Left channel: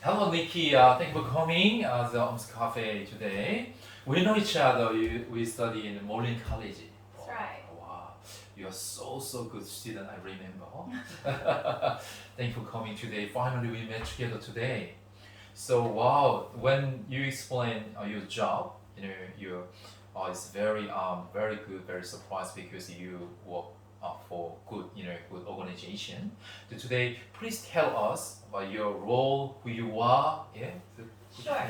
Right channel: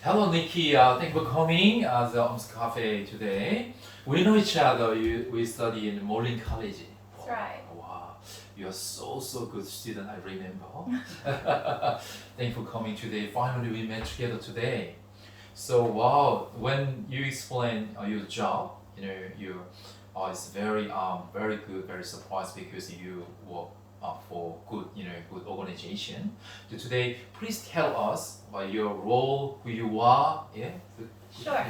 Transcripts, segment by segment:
Hello, Nikki. Thank you for coming the Cafe today. We know each other. We study in Moreland College. That's right. Wow, you are so good student. I remember. Thank you for coming today. Finally, we met together today. So wow, when you explain your job, you it's very good, very surprised because you work for good organization. So today, please tell us about your role, who you are. Yeah. Sure.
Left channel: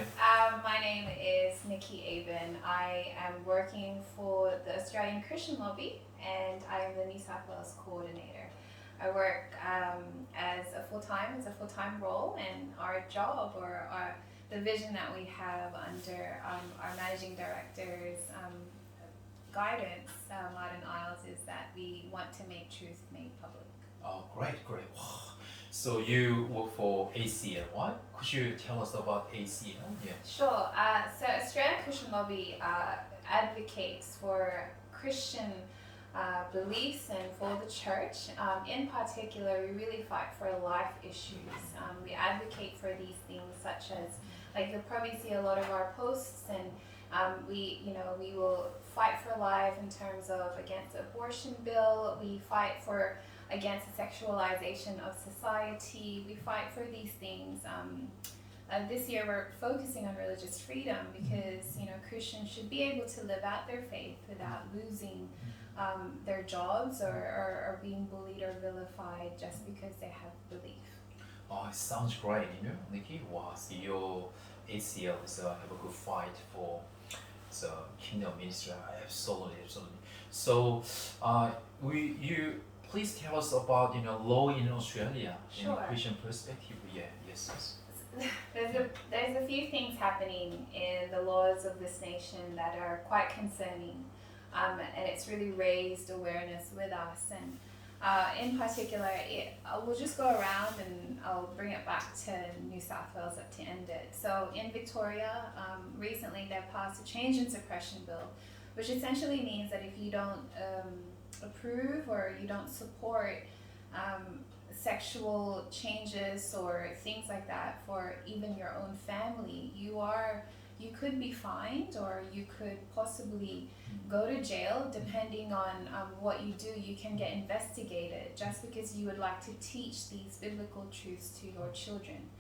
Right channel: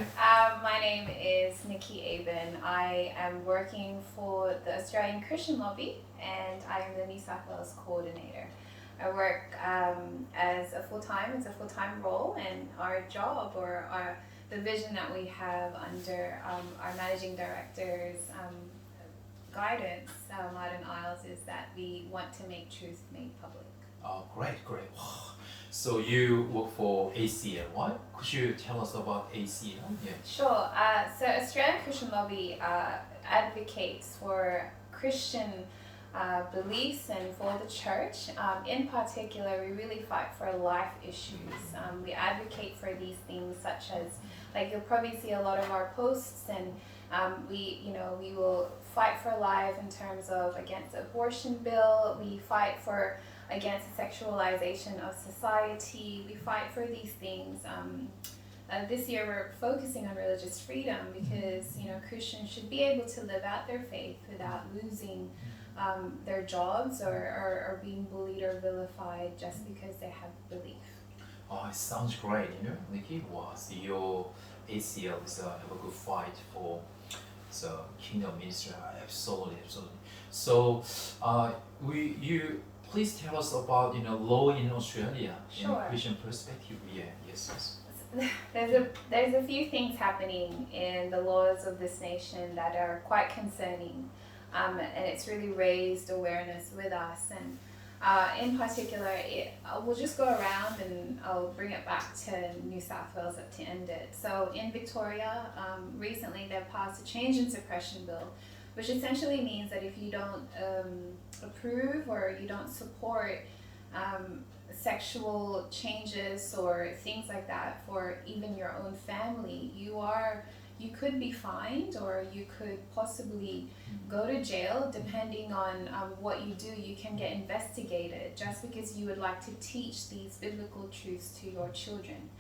My name is Nikki Aben. I am working for the Australian Christian Lobby, and I am the New South Wales coordinator. I work as a full-time role, and our job the vision that we have under our managing director's guidance, law&ACL, is that we want to make truth made public. Oh, great. Wow. So you work for ACL, right? Could you tell us about ACL? Yeah. Sure. So Australian Christian Lobby advocates for Christian beliefs and for the church. In particular, we really fight for life issues. We advocate for these things such as, like, you'll probably see a lot of our posts, and we will fight for life in terms of against the abortion bill. We fight for against the sexualization of society. We fight for these things. This year we're focusing on religious freedom because Christians should be able to live out their faith without losing their jobs or being bullied or vilified just because they have belief. Oh, it sounds great, Nikki. Wow, so your ACL is have a good fight for the kingdom ministry. Absolutely. So, you please tell us about law in Australia in Sure. a Christian perspective. Yeah, yes. There's a few things happening in the laws of this nation that are quite concerning, and it's really raised awareness with us. And in particular, we'll just go around and I'll bring it back to New South Wales to end it. So in Victoria, recently they've passed a change in suppression bill, which essentially means that if you don't approve or you don't support sexual changes or things like that for even your own family, you could be fined or you could possibly go to jail. Depending on what you do, you can get investigated just because you would like to teach these biblical truths to your children.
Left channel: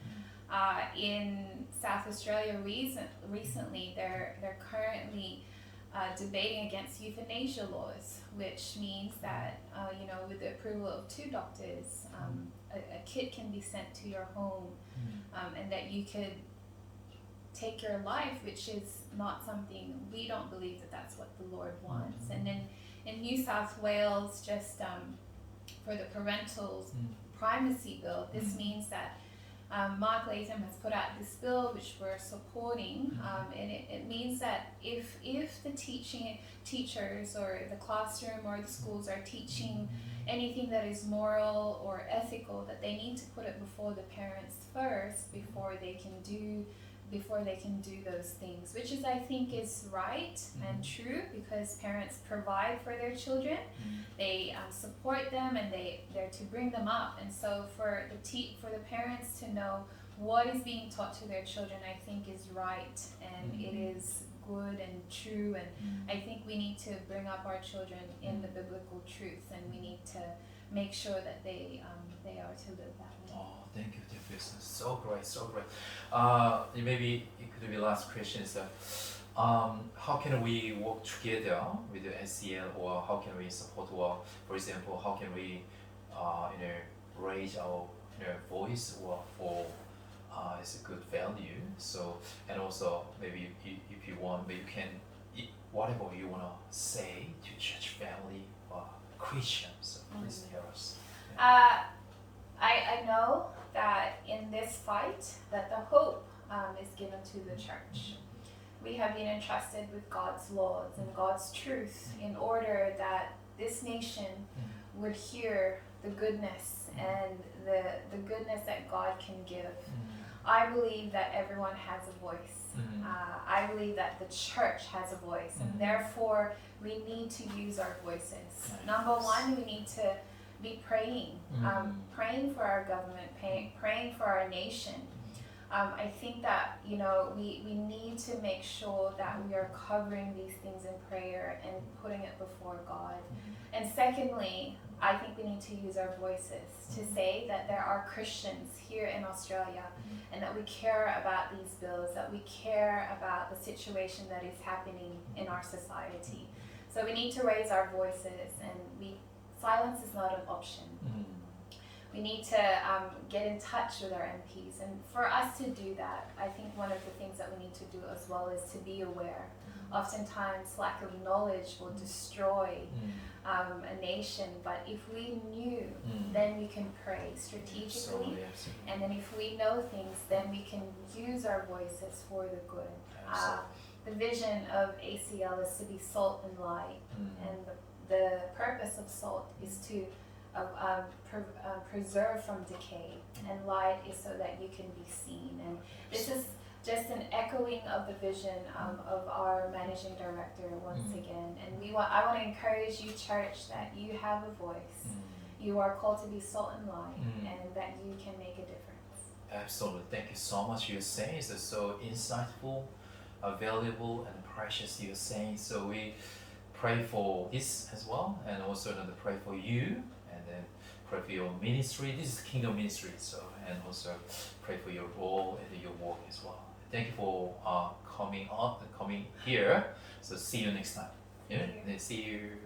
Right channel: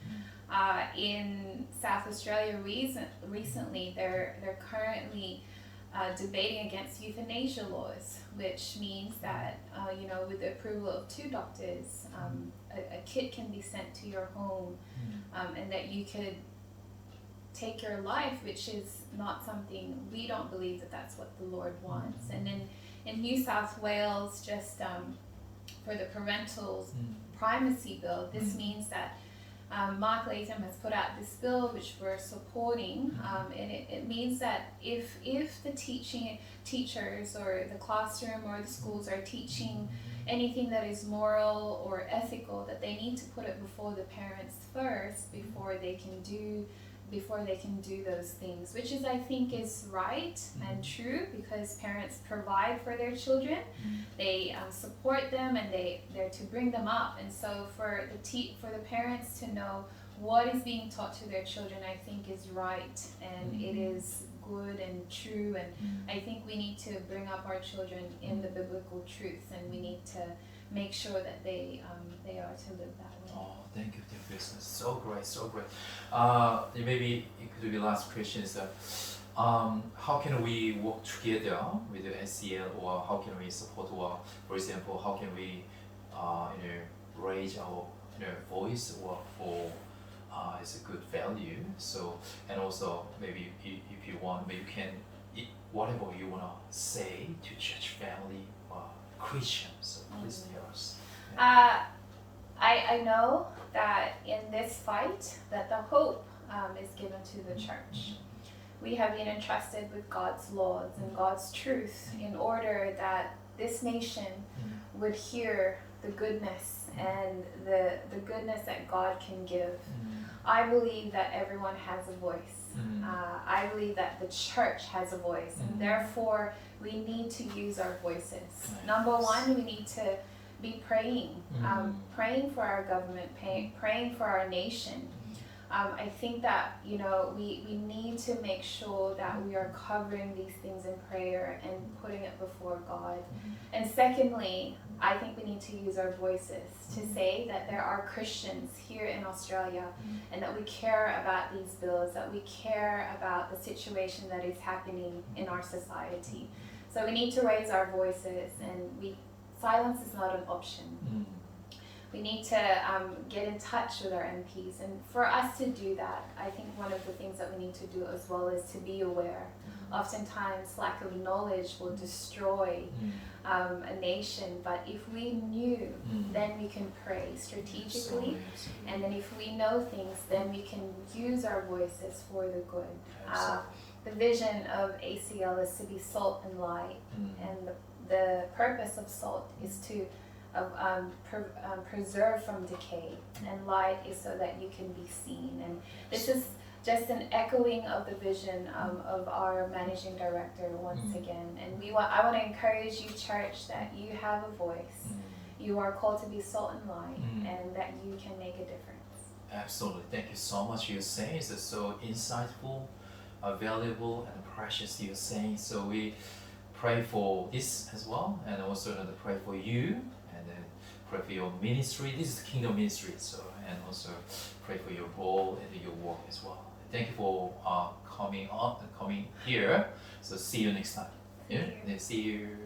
In South Australia recently, they're currently debating against euthanasia laws, which means that with the approval of two doctors, a kit can be sent to your home, and that you could take your life, which is not something, we don't believe that that's what the Lord wants. And then in New South Wales, just for the parental primacy bill, this means that Mark Latham has put out this bill which we're supporting, and it means that if the teachers or the classroom or the schools are teaching anything that is moral or ethical, that they need to put it before the parents first before they can do those things, which I think is right and true, because parents provide for their children, they support them, and they're to bring them up. And so for the parents to know what is being taught to their children, I think is right, and it is good and true. And I think we need to bring up our children in the biblical truth, and we need to make sure that they are to live that way. Oh, thank you, so great. Maybe it could be last question is that how can we work together with the ACL, or how can we support, or for example, how can we raise our voice or for it's a good value. So, and also maybe if you want, maybe you can whatever you wanna say to church family or Christians. So please tell us. I know that in this fight that the hope is given to the church. We have been entrusted with God's laws and God's truth in order that this nation would hear the goodness and the goodness that God can give. I believe that everyone has a voice. I believe that the church has a voice, and therefore we need to use our voices. Number one, we need to be praying for our government, praying for our nation. I think that, you know, we need to make sure that we are covering these things in prayer and putting it before God. And secondly, I think we need to use our voices to say that there are Christians here in Australia and that we care about these bills, that we care about the situation that is happening in our society. So we need to raise our voices, and silence is not an option. We need to get in touch with our MPs, and for us to do that, I think one of the things that we need to do as well is to be aware. Oftentimes lack of knowledge will destroy a nation, but if we knew, then we can pray strategically, and then if we know things, then we can use our voices for the good. The vision of ACL is to be salt and light, and the purpose of salt is to preserve from decay, and light is so that you can be seen. And this is just an echoing of the vision of our managing director once again. And I want to encourage you, church, that you have a voice. You are called to be salt and light, and that you can make a difference. Absolutely. Thank you so much. You're saying it's so insightful, valuable, and precious. You're saying, so we pray for this as well, and also to pray for you, and then pray for your ministry. This is kingdom ministry, so, and also pray for your role and your work as well. Thank you for coming here. So see you next time. Yeah, and see you.